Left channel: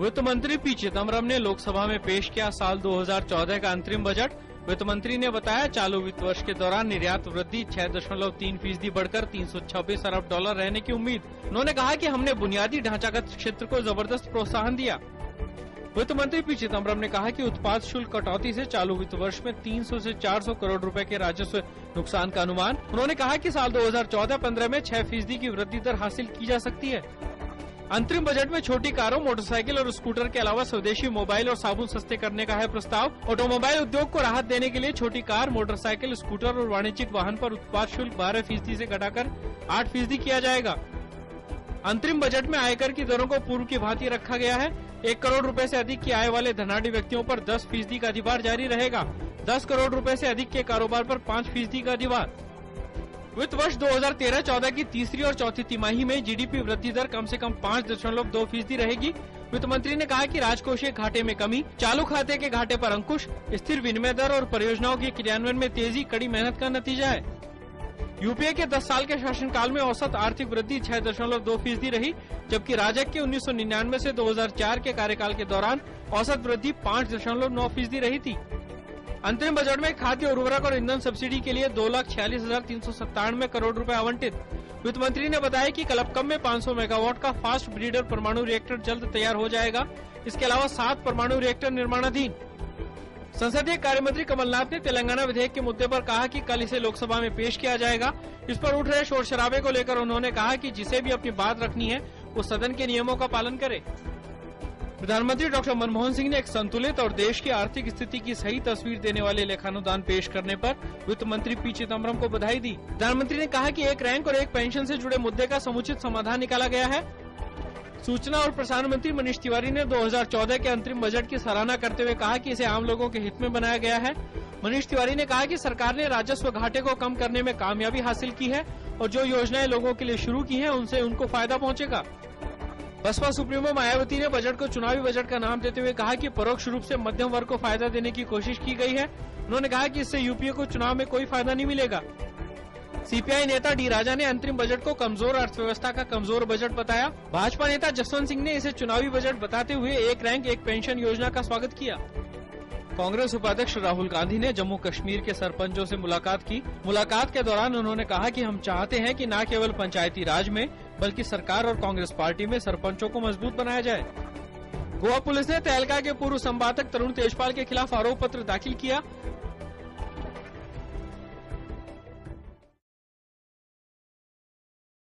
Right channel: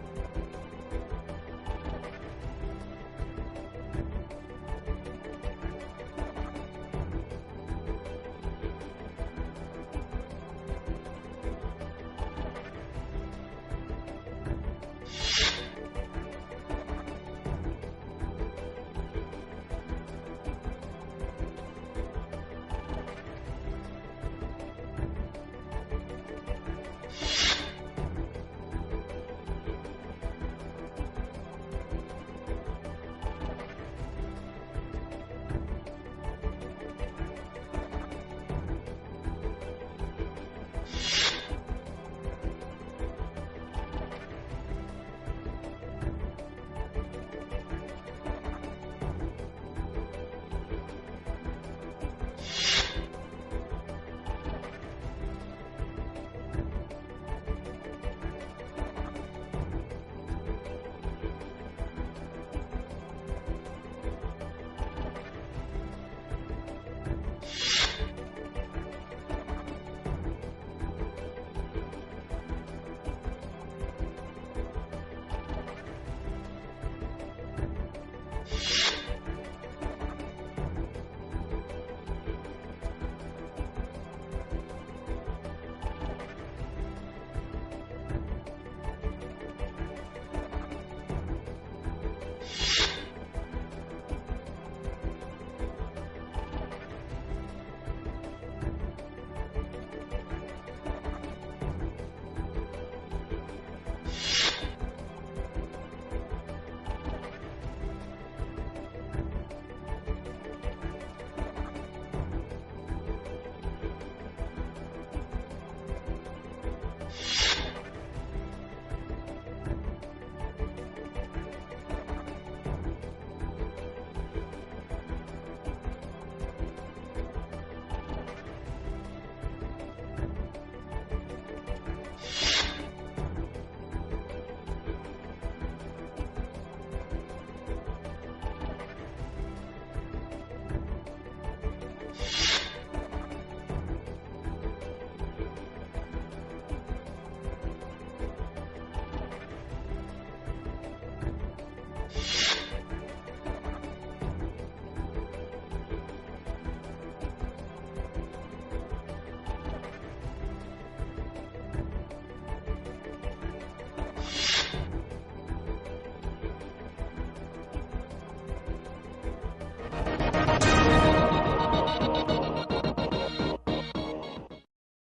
वित्त मंत्री पी चिदम्बरम ने लोकसभा में पेश किया साल 2014 का अंतरिम बजट। वित्त मंत्री ने बताया चालू वित्त वर्ष के दौरान निर्यात वृद्धि 6.3% बढ़कर 326 अरब डॉलर रहने की उम्मीद। उन्होंने कहा कि हमने बुनियादी ढांचागत क्षेत्र को जबरदस्त प्रोत्साहन दिया। वित्त मंत्री पी चिदम्बरम ने कहा कि उत्पाद शुल्क कटौती से चालू वित्त वर्ष में 300 से 400 करोड़ रुपए के राजस्व नुकसान का अनुमान। उन्होंने कहा कि साल 2014-15 में 6% की वृद्धि दर हासिल की जा सकती है। अंतरिम बजट में छोटी कारों, मोटरसाइकिल और स्कूटर के अलावा स्वदेशी मोबाइल और साबुन सस्ते करने का है प्रस्ताव। ऑटोमोबाइल उद्योग को राहत देने के लिए छोटी कार, मोटरसाइकिल, स्कूटर और वाणिज्यिक वाहन पर उत्पाद शुल्क 12% से घटाकर 8% किया जाएगा। अंतरिम बजट में आयकर की दरों को पूर्व की भांति रखा गया है। 1 करोड़ रुपए से अधिक की आय वाले धनाढ्य व्यक्तियों पर 10% का अधिभार जारी रहेगा। 10 करोड़ रुपए से अधिक के कारोबार पर 5% का अधिभार। वित्त वर्ष 2013-14 की तीसरी और चौथी तिमाही में जीडीपी वृद्धि दर कम से कम 5.2% रहेगी। वित्त मंत्री ने कहा कि राजकोषीय घाटे में कमी, चालू खाते के घाटे पर अंकुश, स्थिर विनिमय दर और परियोजनाओं के क्रियान्वयन में तेजी कड़ी मेहनत का नतीजा है। यूपीए के 10 साल के शासनकाल में औसत आर्थिक वृद्धि 6.2% रही, जबकि राजग के 1999 से 2004 के कार्यकाल के दौरान औसत वृद्धि 5.9% रही थी। अंतरिम बजट में खाद्य उर्वरक और ईंधन सब्सिडी के लिए 2,46,397 करोड़ रुपए आवंटित। वित्त मंत्री ने बताया कि कलपकम में 500 मेगावाट का फास्ट ब्रीडर परमाणु रिएक्टर जल्द तैयार हो जाएगा। इसके अलावा 7 परमाणु रिएक्टर निर्माणाधीन। संसदीय कार्य मंत्री कमलनाथ ने तेलंगाना विधेयक के मुद्दे पर कहा कि कल इसे लोकसभा में पेश किया जाएगा। इस पर उठ रहे शोर शराबे को लेकर उन्होंने कहा कि जिसे भी अपनी बात रखनी है वो सदन के नियमों का पालन करे। प्रधानमंत्री डॉक्टर मनमोहन सिंह ने एक संतुलित और देश की आर्थिक स्थिति की सही तस्वीर देने वाले लेखानुदान पेश करने पर वित्त मंत्री पी चिदम्बरम को बधाई दी। प्रधानमंत्री ने कहा कि एक रैंक और एक पेंशन से जुड़े मुद्दे का समुचित समाधान निकाला गया है। सूचना और प्रसारण मंत्री मनीष तिवारी ने 2014 के अंतरिम बजट की सराहना करते हुए कहा कि इसे आम लोगों के हित में बनाया गया है। मनीष तिवारी ने कहा कि सरकार ने राजस्व घाटे को कम करने में कामयाबी हासिल की है और जो योजनाएं लोगों के लिए शुरू की हैं उनसे उनको फायदा पहुंचेगा। बसपा सुप्रीमो मायावती ने बजट को चुनावी बजट का नाम देते हुए कहा कि परोक्ष रूप से मध्यम वर्ग को फायदा देने की कोशिश की गई है। उन्होंने कहा कि इससे यूपीए को चुनाव में कोई फायदा नहीं मिलेगा। सीपीआई नेता डी राजा ने अंतरिम बजट को कमजोर अर्थव्यवस्था का कमजोर बजट बताया। भाजपा नेता जसवंत सिंह ने इसे चुनावी बजट बताते हुए एक रैंक एक पेंशन योजना का स्वागत किया। कांग्रेस उपाध्यक्ष राहुल गांधी ने जम्मू कश्मीर के सरपंचों से मुलाकात की। मुलाकात के दौरान उन्होंने कहा कि हम चाहते हैं कि न केवल पंचायती राज में बल्कि सरकार और कांग्रेस पार्टी में सरपंचों को मजबूत बनाया जाए। गोवा पुलिस ने तहलका के पूर्व संवादक तरुण तेजपाल के खिलाफ आरोप पत्र दाखिल किया।